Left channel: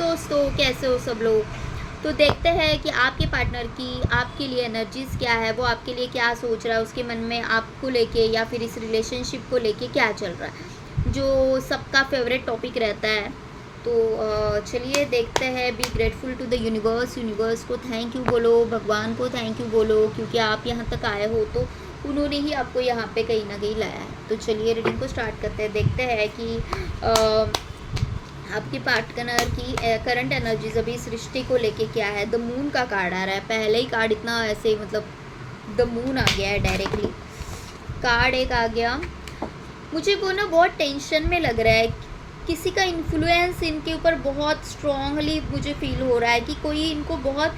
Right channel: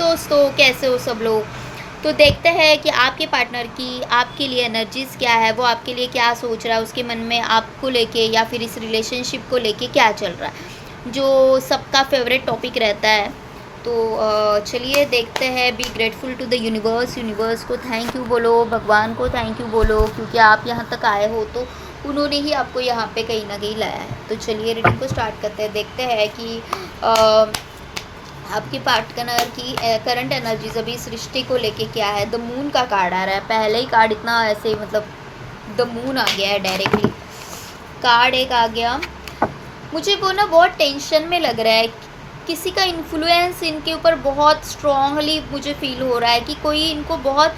दोस्तों, कैसे हो सब लोग। तो देखते हैं कि आपके पार्टनर की आपके लिए एनर्जीज़ क्या है, वो आपके लिए क्या सोच रहा है, उसके मन में आपको लेके या फिर इस रिलेशनशिप को लेके क्या चल रहा है, जो सबका फेवरेट टॉपिक रहता है। तो चलिए देखते हैं। Be grateful to the universe. Universe को थैंक यू बोलो, भगवान को थैंक यू बोलो, क्योंकि आप यहाँ तक आए हो तो उन्होंने ही आपको यहाँ पे कहीं ना कहीं लाया है। तो चलिए रीडिंग को स्टार्ट करते हैं। देखते हैं कि आपके पार्टनर की करंट एनर्जीज अभी इस रिश्ते को लेके क्या है। द मून का कार्ड आ रहा है। पहले ही कार्ड इतना ऐसे मतलब द मून आ गया है डायरेक्टली। कार्ड एक आ गया। मुझे वो ना बहुत टेंशन में लग रहा है। किसी का इन्फ्लुएंस इनके ऊपर बहुत स्ट्रांगली मुझे फील हो रहा है कि कोई इनको बहुत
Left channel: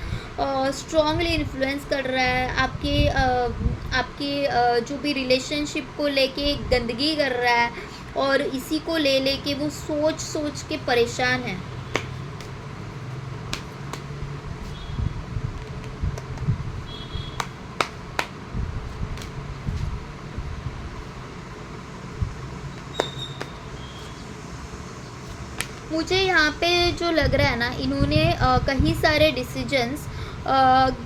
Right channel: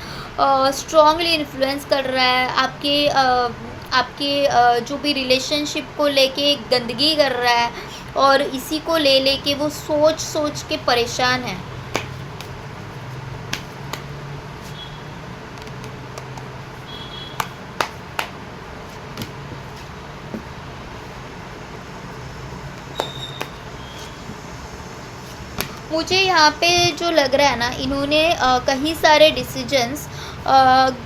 स्ट्रांगली इन्फ्लुएंस कर रहा है। आपके जो भी रिलेशनशिप को लेके गंदगी कर रहा है और इसी को ले लेके वो सोच सोच के परेशान है। मुझे यहाँ पे जो लग रहा है ना, इन्होंने कई सारे डिसीजंस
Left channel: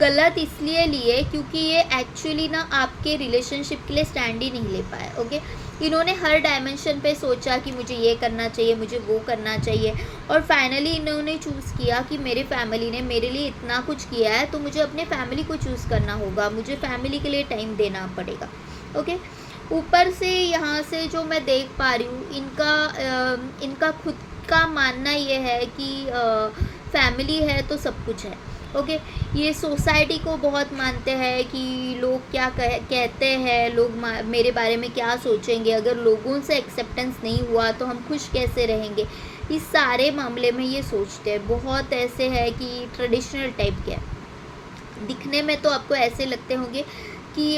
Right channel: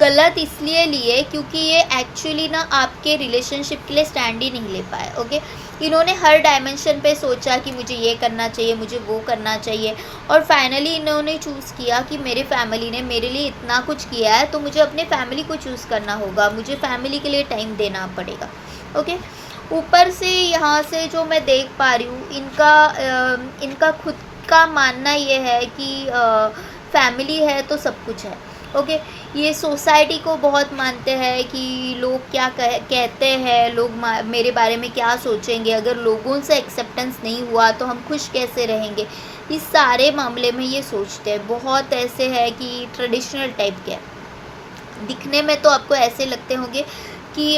गलत इसलिए लिए क्योंकि ये एक्चुअली ना आपके रिलेशनशिप के लिए स्टैंड ही नहीं ले पाए। ओके, इन्होंने हर डायमेंशन पे सोचा कि मुझे ये करना चाहिए, मुझे वो करना चाहिए, और फाइनली इन्होंने चूज़ किया कि मेरे फैमिली ने मेरे लिए इतना कुछ किया है तो मुझे अपने फैमिली को चूज़ करना होगा, मुझे फैमिली के लिए टाइम देना पड़ेगा। ओके, ऊपर से यहाँ से जो मैं देख पा रही हूँ, इनका खुद का मानना ये है कि फैमिली है तो सब कुछ है। ओके, ये सोसाइटी को बहुत मानते हैं कि लोग क्या कहते हैं, लोग मेरे बारे में क्या सोचेंगे, अगर लोगों से एक्सेप्टेंस नहीं हुआ तो हम खुश कैसे रहेंगे। इस सारे मामले में ये सोचते हैं। बहुत ऐसे है कि ट्रेडिशनल टाइप के दिखने में तो आपको ऐसे लगते होंगे कि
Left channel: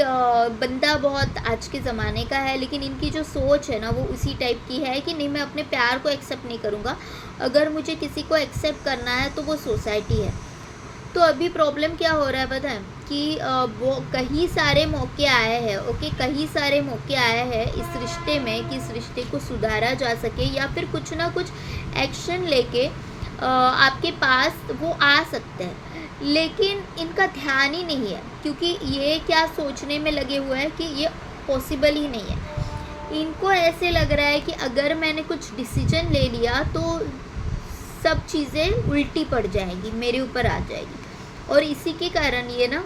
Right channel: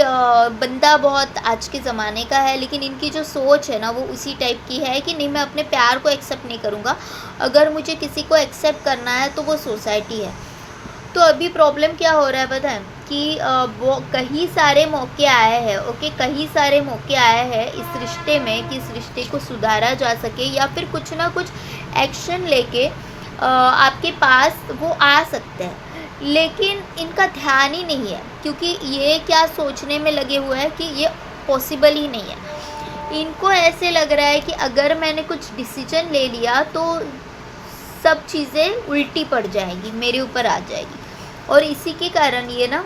बंदा बहुत आज के ज़माने का है, लेकिन इनकी जो सोच है ना वो उसी टाइप की है कि नहीं, मैं अपने प्यार को एक्सेप्ट नहीं करूँगा। अगर मुझे किसी को एक्सेप्ट करना है तो वो सोसाइटी है। तो अभी प्रॉब्लम क्या हो रहा है पता है कि वो कई सारे मौके आए हैं। ओके, कई सारे मौके आए हैं इस रिश्ते में कि इस रिश्ते को सुधारा जा सके या फिर कुछ ना कुछ एक्शन लेके आपके पास वो आ सकते हैं, लेकिन इनका ध्यान ही नहीं है क्योंकि ये क्या सोचने में लगे हुए हैं कि ये पॉसिबल ही नहीं है। इनको ऐसे लग रहा है कि अगर मैंने कुछ डिसीजन ले लिया तो सब चीज़ें उल्टी पड़ जाएंगी, मेरे ऊपर आ जाएगी, और इसी के कारण ये ना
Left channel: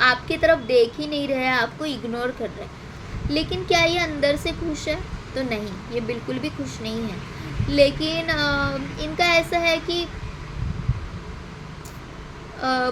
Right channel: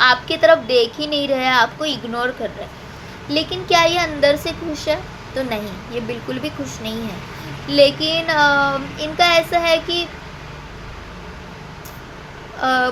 आपकी तरफ देख ही नहीं रहे हैं, आपको इग्नोर कर रहे हैं। लेकिन क्या ये अंदर से खुश है? तो नहीं, ये बिल्कुल भी खुश नहीं है। लेकिन इनका ऐसा है कि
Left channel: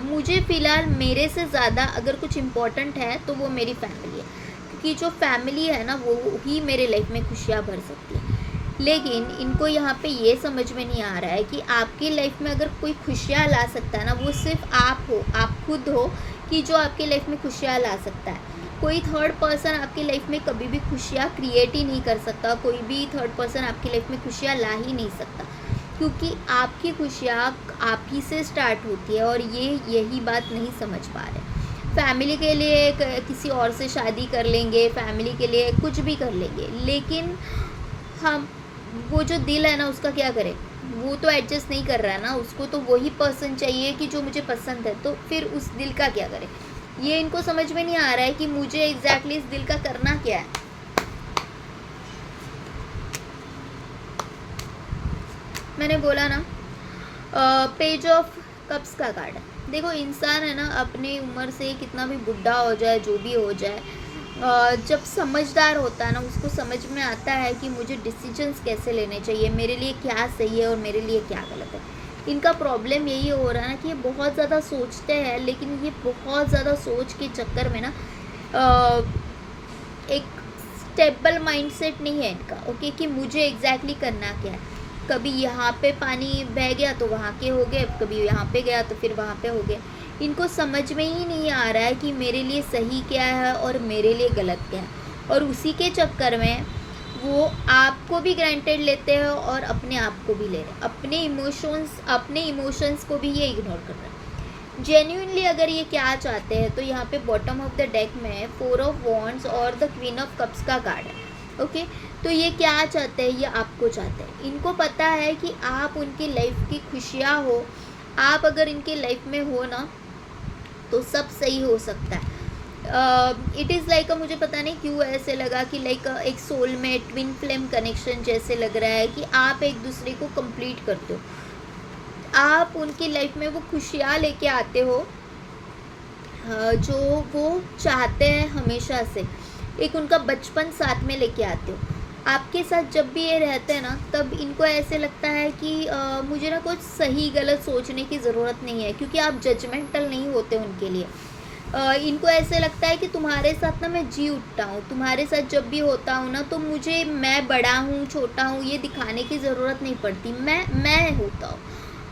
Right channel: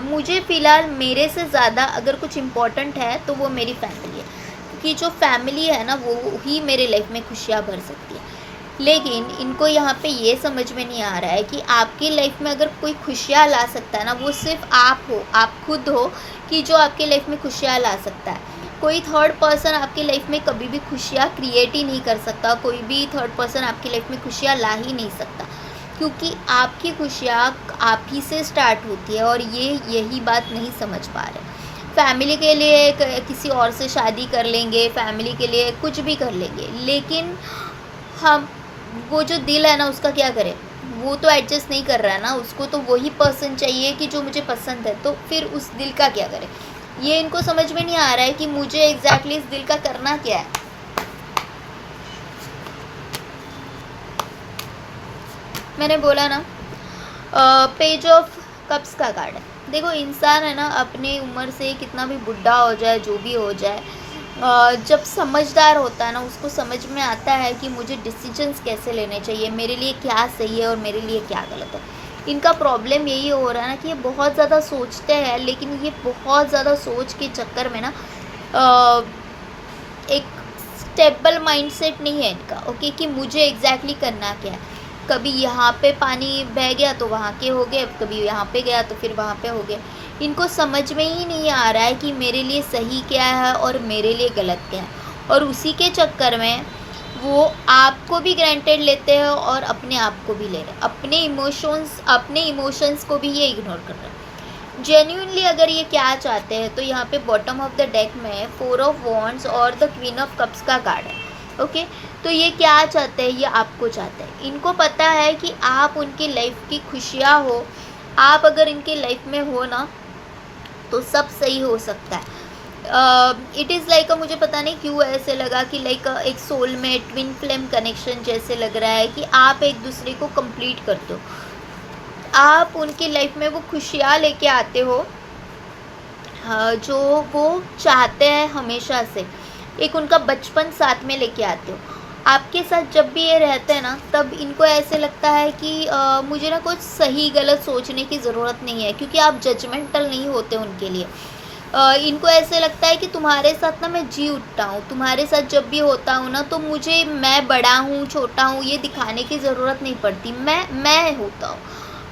मुझे फ़िलहाल मेरे से ज़्यादा अगर कुछ इम्पोर्टेंट है तो वो मेरी फैमिली है, क्योंकि जो फैमिली है ना वो ही मेरे लाइफ में खुशियाँ भर सकती है। लेकिन इनको यहाँ पे ये समझ में नहीं आ रहा है कि आपकी लाइफ में अगर कोई खुशियाँ ला सकता है ना, वो सिर्फ आप हो, आप खुद हो कि जो आपकी लाइफ में खुशियाँ ला सकता है। कोई थर्ड पर्सन आपकी लाइफ में कभी भी खुशियाँ क्रिएट ही नहीं कर सकता, कोई भी थर्ड पर्सन आपकी लाइफ में खुशियाँ ला ही नहीं सकता, क्योंकि आपकी खुशियाँ आप ही से स्टार्ट होती है, और ये यही बात नहीं समझ पा रहे। फैमिली के लिए किसी और से शादी कर लेंगे, फैमिली के लिए कुछ भी कर लेंगे, लेकिन हम वो जो दिल है ना उसका क्या करें? वो तो एडजस्ट नहीं कर रहा है ना, उसको तो वही पर्सन चाहिए कि जो मुझे पसंद है, तो फिर उस दिल का क्या करें? ये इनको समझ में नहीं आ रहा है कि मुझे एग्जैक्टली इस दिल का करना क्या है। मैंने बोला ना, पेज ऑफ कप्स का कार्ड है। देखो, इंसान है ना अपनी उम्र से कितना भी बुढ़ा हो जाए, जो भी हो जाए, जब समझदार होता है ना उसको समझ में आता है कि मुझे डिसीजंस कैसे लेने चाहिए, मेरे लिए क्या सही है और मेरे लिए क्या गलत है। इनका प्रॉब्लम यही हो रहा है ना कि ये बहुत ज़्यादा सोचते हैं, लेकिन ये बहुत ज़्यादा सोच के चक्कर में ना एक स्टेबल माइंडसेट नहीं है इनका। ओके, कि मुझे एग्जैक्टली करना क्या है। कभी यहाँ पे पानी बह गया तो वहाँ के हो गए, कभी यहाँ पे गया तो फिर वहाँ पे हो गए। इनको समझ में ही नहीं आ रहा है कि मेरे लिए सही क्या है और मेरे लिए गलत क्या है, और उसी के चक्कर में वो आपको भी ग्रांटेड लेते हैं और अपने आप को भी ले रहे हैं। अपने इमोशंस को भी ये इग्नोर कर रहे हैं। जेन्युइनली अगर ये क्या चाहते हैं तो यहाँ पे बॉटम ऑफ द डेक में 4 ऑफ वॉन्ड्स और द क्वीन ऑफ कप्स का कार्ड है। ओके। तो ये क्या चाहते हैं, ये आपको चाहते हैं। इनको पता है कि आप उनकी लाइफ की खुशियाँ हो, आप अगर इनके लाइफ में हो ना तो सब सही हो सकता है। इट इज़ लाइक मुझे पता नहीं क्यों ऐसे लगा कि लाइक एक सोलमेट ट्विन फ्लेम कनेक्शन जैसे लग रहा है कि आप एक दूसरे को कंप्लीट करते हो, आप उनकी लाइफ में वो खुशियाँ लेके आते हो जो वो चाहते हैं हमेशा से। एक उनका बचपन साथ में लेके आते हो। आपके साथ जब भी ये रहते हैं ना, तब इनको ऐसे लगता है कि मुझे ना कुछ सही गलत सोचने की ज़रूरत नहीं है, क्योंकि आप जजमेंटल नहीं होते उनके लिए। इनको ऐसे लगता है कि तुम्हारे साथ ना मैं जी उठता हूँ, तुम्हारे साथ जब भी होता हूँ ना तो मुझे मैं बड़ा हूँ छोटा हूँ ये दिखाने की ज़रूरत नहीं पड़ती। मैं होता हूँ,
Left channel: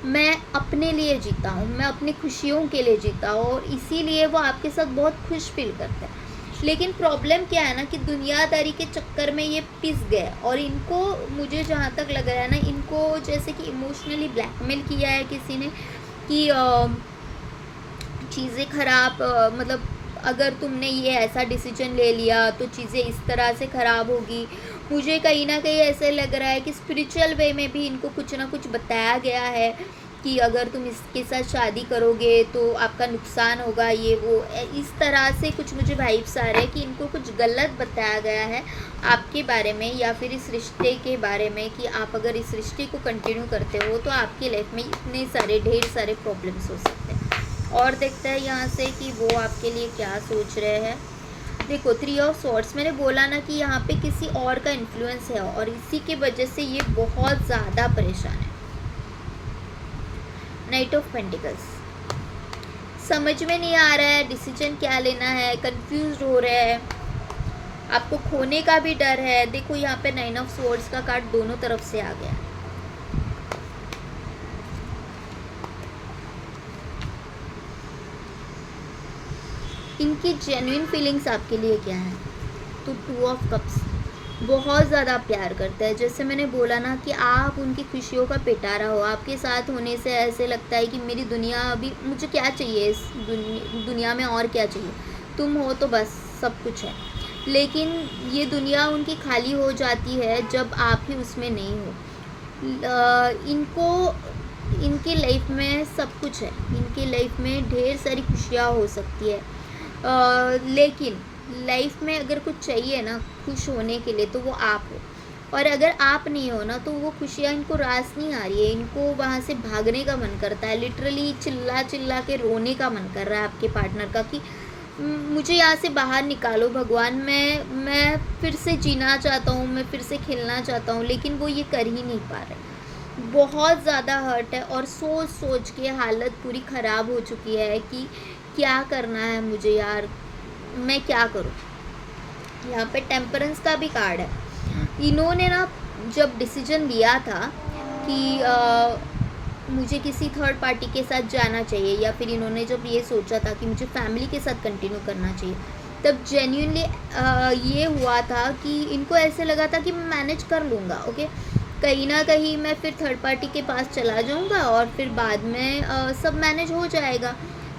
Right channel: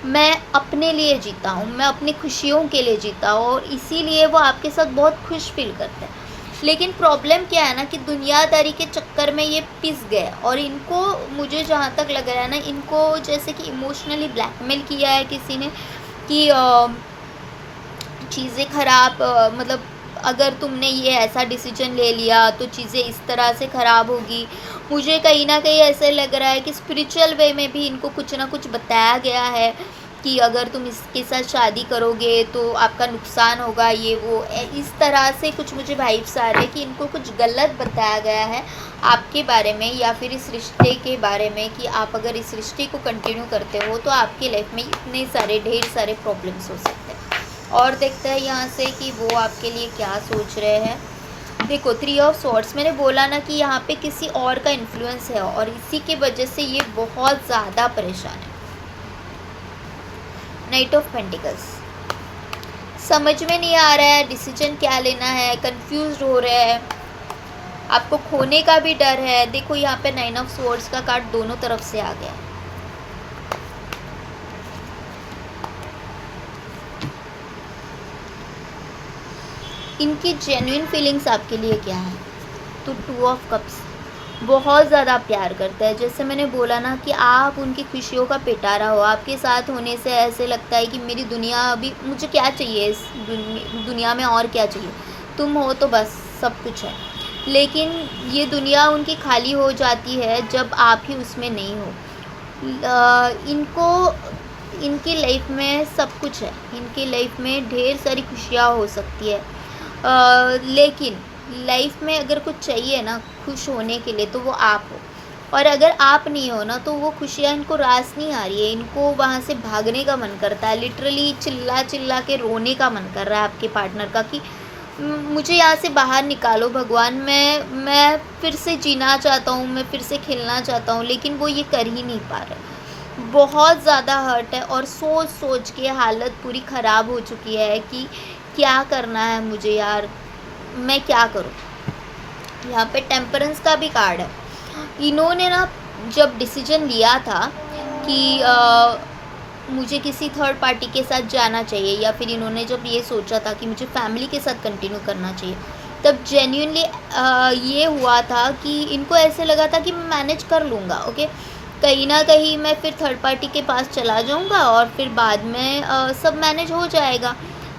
मैं अपने लिए जीता हूँ, मैं अपनी खुशियों के लिए जीता हूँ, और इसीलिए वो आपके साथ बहुत खुश फील करते हैं। लेकिन प्रॉब्लम क्या है ना कि दुनियादारी के चक्कर में ये पिस गए, और इनको, मुझे जहाँ तक लग रहा है ना, इनको जैसे कि इमोशनली ब्लैकमेल किया है किसी ने कि चीज़ें ख़राब, मतलब अगर तुमने ये ऐसा डिसीजन ले लिया तो चीज़ें इस तरह से ख़राब होगी। मुझे कहीं न कहीं ऐसे लग रहा है कि स्पिरिचुअल वे में भी इनको कुछ ना कुछ बताया गया है कि अगर तुम इसके साथ शादी करोगे तो आपका नुकसान होगा, ये वो इस तरह से कुछ मुझे वाइब्स आ रहे हैं कि इनको कुछ गलत बताया गया है आपके बारे में, या फिर इस रिश्ते के बारे में कि आप अगर इस रिश्ते को कंटिन्यू करते हो तो आपकी लाइफ में इतने सारे ढेर सारे प्रॉब्लम्स हो सकते हैं। और देखते हैं यहाँ से कि वो आपके लिए क्या सोच रहे हैं। देखो 3 ऑफ स्वॉर्ड्स, मैंने बोला ना कि यहाँ पे किसी और का इन्फ्लुएंस है और इसी के वजह से ये बहुत ज़्यादा परेशान है। नाइट ऑफ पेंटिकल्स, समझ में नहीं आ रहा है डिसीजन क्या लेना है, कंफ्यूज हो रहे हैं, आपको खोने का भी डर है। देखो यहाँ पे 9 ऑफ स्वॉर्ड्स का कार्ड दोनों तरफ से आ गया। इनकी जेन्युइन फीलिंग्स आपके लिए क्या है, तो 2 ऑफ कप्स, बहुत ज़्यादा प्यार करता है। जैसे मैंने बोला ना कि आप उनकी खुशियों का पिटारा हो, आपके साथ होने से ऐसे लगता है कि मेरी दुनिया, अभी मुझे क्या चाहिए इस दुनिया में, और क्या चाहिए, तुम हो तो बस सब कुछ है। लेकिन ये दुनिया उनकी खाली हो जाती है जब आप ही उसमें नहीं हो। इनको, इनकी लाइफ में सब कुछ है, इनकी लाइफ में ढेर सारी खुशियाँ हो सकती है, लेकिन लाइफ में अगर कुछ चाहिए ना खुश होने के लिए तो वो आप हो, और अगर आप नहीं हो ना तो वो खुशियाँ इनको रास नहीं आ रही है। इनको वहाँ से भागने का मन करता है, लिटरली चिल्ला चिल्ला के रोने का मन कर रहा है आपके पार्टनर का कि मुझे यहाँ से बाहर निकालो भगवान, मैं फिर से जीना चाहता हूँ, मैं फिर से खेलना चाहता हूँ, लेकिन वो ये कर ही नहीं पा रहे। बहुत ज़्यादा हर्ट है और सोच सोच के हालत पूरी ख़राब हो चुकी है कि क्या करना है मुझे यार, मैं क्या करूँ। यहाँ पे टेम्परेंस का भी कार्ड है। इन्होंने ना जब डिसीजन लिया था कि मुझे किसी थर्ड पार्टी के साथ जाना चाहिए, या फिर इन्होंने जब ये सोचा था कि मुझे फैमिली के साथ कंटिन्यू करना चाहिए, तब जेन्युइनली ये हुआ था कि इनको ऐसे लगा था कि मैं मैनेज कर लूँगा, ओके, कहीं ना कहीं मैं फिर थर्ड पार्टी के पास चला जाऊँगा और फिर बाद में सब मैनेज हो जाएगा,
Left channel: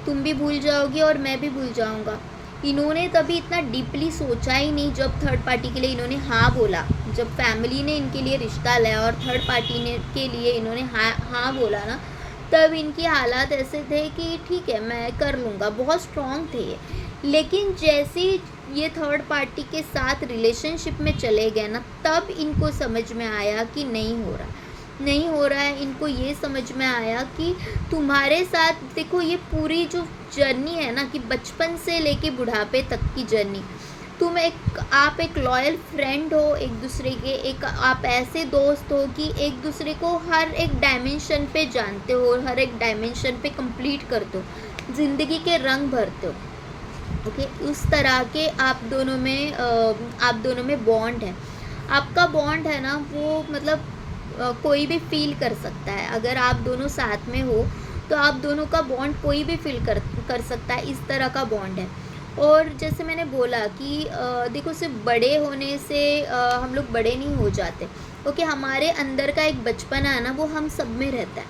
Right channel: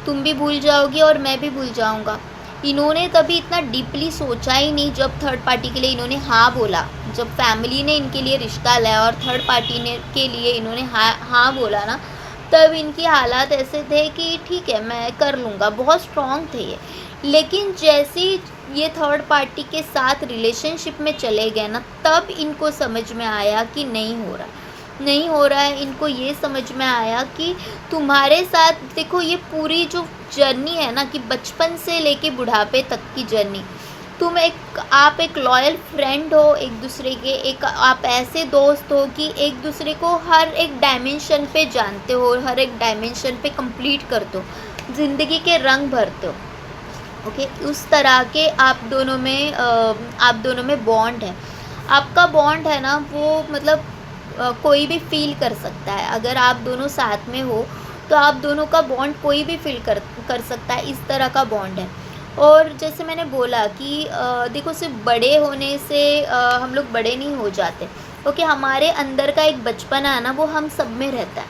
तुम भी भूल जाओगी और मैं भी भूल जाऊँगा। इन्होंने तभी इतना डीपली सोचा ही नहीं जब थर्ड पार्टी के लिए इन्होंने हाँ बोला, जब फैमिली ने इनके लिए रिश्ता लाया और थर्ड पार्टी ने के लिए इन्होंने हाँ बोला ना, तब इनकी हालात ऐसे थे कि ठीक है मैं कर लूँगा, बहुत स्ट्रॉन्ग थे ये। लेकिन जैसे ये थर्ड पार्टी के साथ रिलेशनशिप में चले गए ना, तब इनको समझ में आया कि नहीं हो रहा है। इनको ये समझ में आया कि तुम्हारे साथ, देखो ये पूरी जो जर्नी है ना कि बचपन से लेके बुढ़ापे तक की जर्नी, आप एक लॉयल फ्रेंड हो एक दूसरे के, एक आप ऐसे दोस्त हो कि एक दूसरे को हर एक डायमेंशन पे जानते हो, हर एक डायमेंशन पे कंप्लीट करते हो, ज़िंदगी के रंग भरते हो, ओके। उस तरह के आप दोनों में बॉन्ड है। आपका बॉन्ड है ना वो मतलब कोई भी फील कर सकता है। अगर आप दोनों साथ में हो तो आप दोनों का बॉन्ड कोई भी फील कर सकता है, इस तरह का बॉन्ड है। और जैसे मैंने बोला कि देखो सिर्फ बड़े होने से हम लोग बड़े नहीं हो जाते, ओके। हमारे अंदर का एक बचपना है ना वो हम सब में रहता है,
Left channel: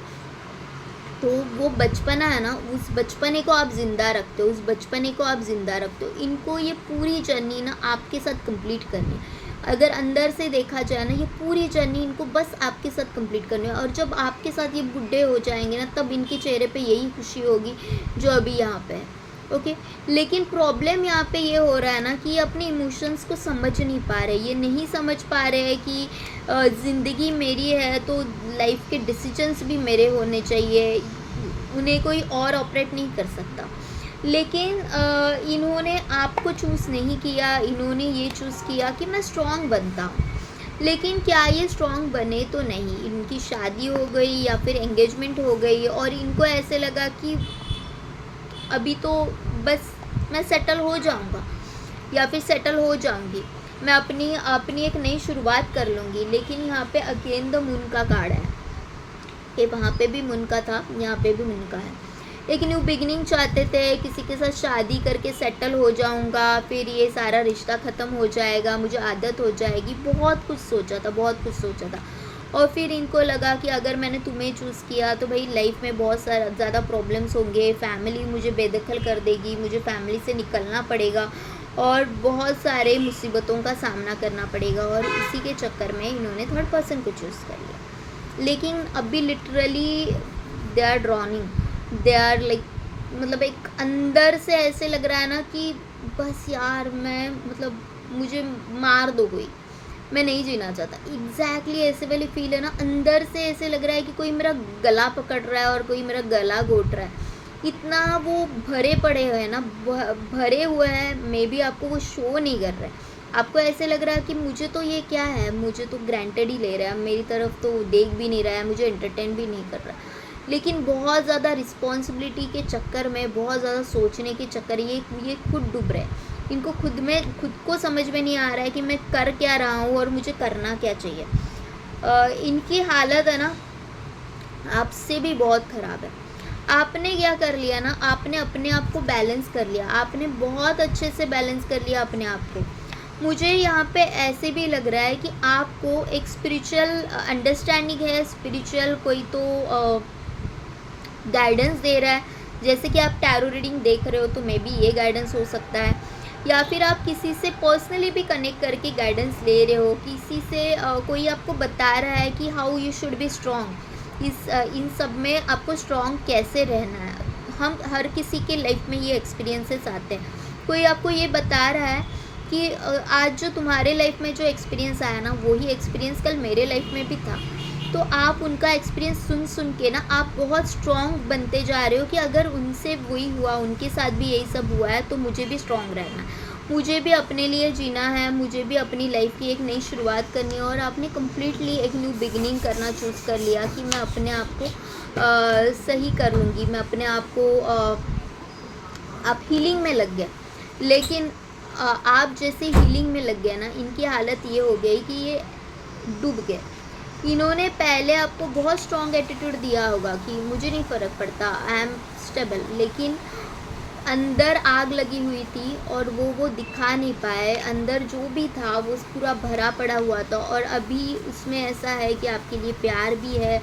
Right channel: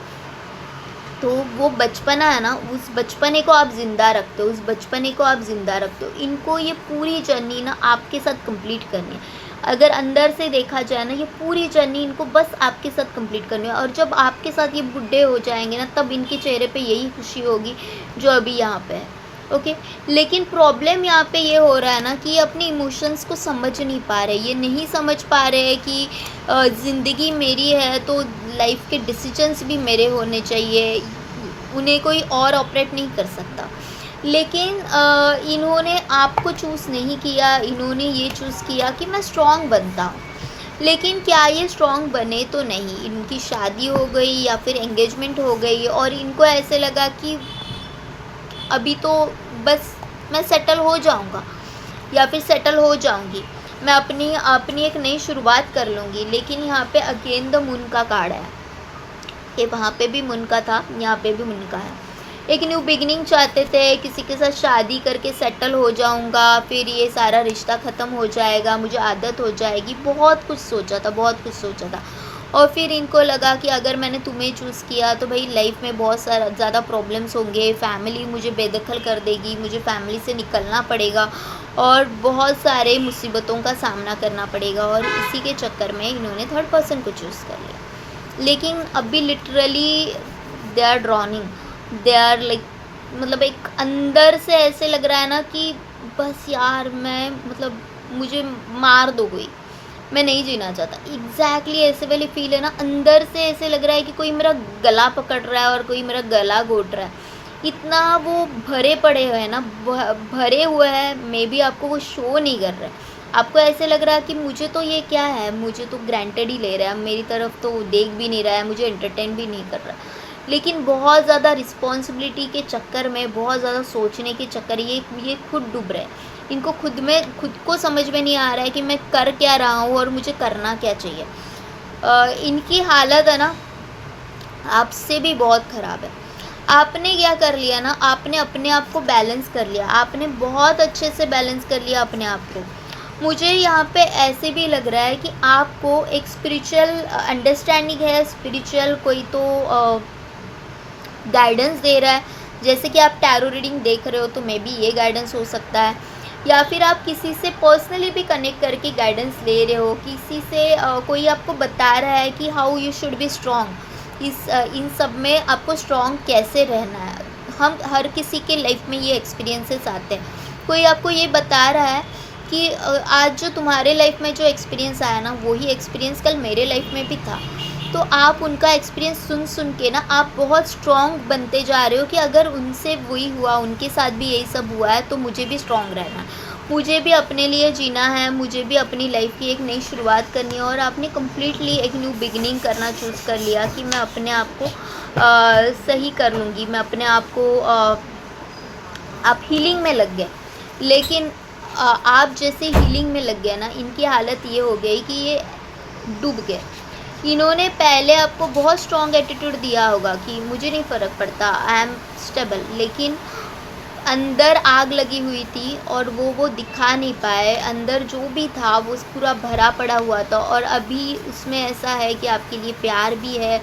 तो वो बचपना है ना, उस बचपने को आप ज़िंदा रखते हो, इनको ये पूरी जर्नी ना आपके साथ कंप्लीट करनी है। अगर अंदर से देखा जाए ना, ये पूरी जर्नी इनको बस आपके साथ कंप्लीट करनी है, और जब आपके साथ ये बुढ़े हो जाएंगे ना, तब इनके चेहरे पे यही खुशी होगी जो अभी यहाँ पे है। ओके, लेकिन प्रॉब्लम यहाँ पे ये हो रहा है ना कि ये अपने इमोशंस को समझ नहीं पा रहे, ये नहीं समझ पा रहे हैं कि ज़िंदगी मेरी है तो लाइफ के डिसीजंस भी मेरे होने चाहिए, उन्हें कोई और ऑपरेट नहीं कर सकता। लेकिन इन्होंने आपको चूज़ नहीं किया, इन्होंने ये चूज़ किया कि मैं स्ट्रॉन्ग बनता हूँ। लेकिन क्या ये स्ट्रॉन्ग बने तो नहीं, इनकी शादी हो गई या फिर एंगेजमेंट हो गई और इनको ऐसे लगा कि अभी तो बस मैं सेटल हो जाऊंगा या फिर सेटल हो जाऊंगी, मैं अपनी अपनी एक नई शुरुआत कर लूँगी। लेकिन यहाँ पे अगेन द मून का कार्ड है, कि वहाँ पे भी मून का था, यहाँ पे भी मून का है। एक न्यू बिगिनिंग चाहते थे, किसी के साथ शादी करके सेटल हो जाऊंगा, फिर ये सारा रिश्ता ख़त्म हो जाएगा, मुझे आदत हो जाएगी, बहुत कुछ सोचा था, बहुत कुछ सोचा था। और फिर इनको लगा कि अगर मैंने तुम्हें चूज़ किया तो भाई लाइफ में बहुत सारा ज़्यादा प्रॉब्लम्स होंगे, फैमिली मुझे बेदखल कर देगी, मुझे फैमिली से निकलना पड़ेगा और बहुत सारे मुसीबतों का सामना करना पड़ेगा, और इसी के चक्कर में इन्होंने थर्ड पर्सन को चूज़ कर लिया। लेकिन अभी literally they are drowning, they are like, मतलब एक अंदर से ऐसे लग रहा है ना कि बस यार मैं, मतलब मुझे मार दो कोई, मैं नहीं जीना चाहता। एग्जैक्टली ऐसे वाली फील है ना, अंदर से ऐसे लग रहा है कि कोई मेरा गला पकड़ रहा है और कोई मेरा गला घोट रहा है। इतना वो भरे पड़े हुए हैं ना, भरे हुए हैं, मे बी आपको वो शो नहीं कर रहा है। आपको ऐसे लग रहा है कि मुझे तो ये क्या है, मुझे तो ग्रांटेड ही ले रहा है, मेरी तरफ तो देख भी नहीं रहा है, मुझे एंटरटेन भी नहीं कर रहा है। लेकिन बहुत ज़्यादा रिस्पॉन्सिबिलिटी के चक्कर में, बहुत ज़्यादा सोचने के चक्कर, ये खुद डूब रहे हैं। इनको खुद को समझ में नहीं आ रहा है कि मैं कर क्या रहा हूँ और मुझे करना क्या चाहिए। इनकी हालत है ना आपसे भी बहुत ख़राब है। आपने क्या कर लिया ना, आपने अपने आप को बैलेंस कर लिया, आपने बहुत अच्छे से बैलेंस कर लिया अपने आप को। मुझे यहाँ पे ऐसे भी लग रहा है कि आपको एक स्पिरिचुअल अंडरस्टैंडिंग है, स्पिरिचुअल कोई तो गाइडेंस दे रहा है। जैसे कि आप टैरो रीडिंग देख रहे हो तो मे बी ये गाइडेंस हो सकता है, या फिर आप किसी से पर्सनली भी कनेक्ट करके गाइडेंस ले रहे हो, किसी से कोई आपको बता रहा है कि how you should be strong. इन सब में आपको स्ट्रॉन्ग कैसे रहना है। हम हर किसी के लाइफ में ये एक्सपीरियंसेस आते हैं। कोई आपको ये बता रहा है कि आज जो तुम्हारे लाइफ में जो एक्सपीरियंस आया ना, वही एक्सपीरियंस कल मेरे लाइफ में भी था। तो आप उनका एक्सपीरियंस सुन के ना आप बहुत स्ट्रॉन्ग बनते जा रहे हो कि अगर उनसे वही हुआ, उनके साथ भी यही सब हुआ है, तो मुझे भी स्ट्रॉन्ग रहना है, मुझे भी अपने लिए जीना है, मुझे भी अपनी लाइफ की एक नई शुरुआत करनी है। और आपने कम्प्लीटली एक न्यू बिगिनिंग करना चूज़ कर लिया कि मैं अपने आप को सही कर लूँगी, मैं अपने आप को आप हीलिंग में लग गए। लेकिन आप जैसे हीलिंग में लग गए ना, इनकी हालत ये हो गई कि ये डूब गए। इन्होंने पहले आपको बहुत स्ट्रॉन्ग एटीट्यूड दिया होगा कि मुझे नहीं फ़र्क पड़ता, आई एम स्टेबल, लेकिन अंदर आग लगी हुई थी और वो दिखा नहीं पाए। अंदर जो भी था वो पूरा भरा पड़ा हुआ था, और अभी उसमें ऐसा है कि आपके लिए प्यार भी है,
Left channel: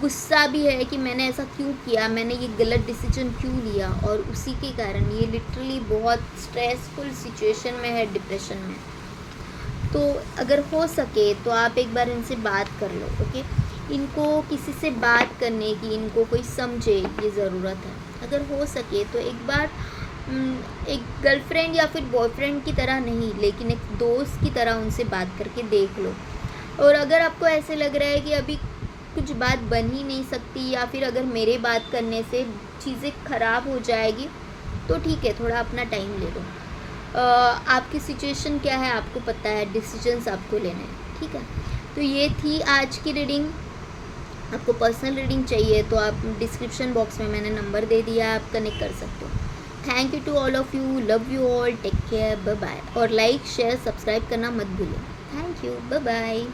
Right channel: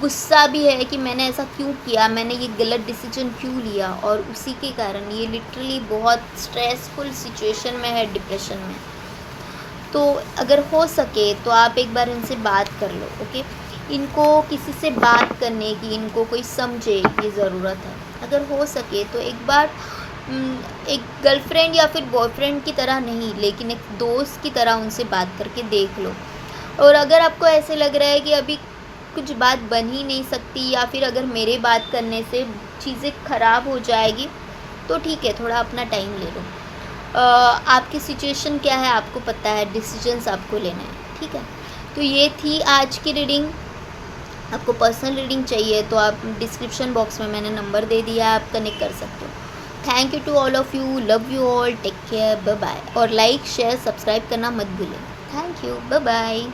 गुस्सा भी है कि मैंने ऐसा क्यों किया, मैंने ये गलत डिसीजन क्यों लिया, और उसी के कारण ये लिटरली बहुत स्ट्रेसफुल सिचुएशन में है, डिप्रेशन में। तो अगर हो सके तो आप एक बार इनसे बात कर लो। ओके, इनको किसी से बात करने की, इनको कोई समझे ये ज़रूरत है। अगर हो सके तो एक बार एक गर्लफ्रेंड या फिर बॉयफ्रेंड की तरह नहीं, लेकिन एक दोस्त की तरह उनसे बात करके देख लो। और अगर आपको ऐसे लग रहा है कि अभी कुछ बात बन ही नहीं सकती, या फिर अगर मेरे बात करने से चीज़ें ख़राब हो जाएगी, तो ठीक है, थोड़ा अपना टाइम ले लो। आपकी सिचुएशन क्या है आपको पता है, डिसीजंस आपको लेना है, ठीक है। तो ये थी आज की रीडिंग। आपको पर्सनल रीडिंग चाहिए तो आप डिस्क्रिप्शन बॉक्स में मैंने नंबर दे दिया है, आप कनेक्ट कर सकते हो। Thank you to all of you, love you all, take care, bye bye. और लाइक शेयर सब्सक्राइब करना मत भूलें। Thank you, bye bye.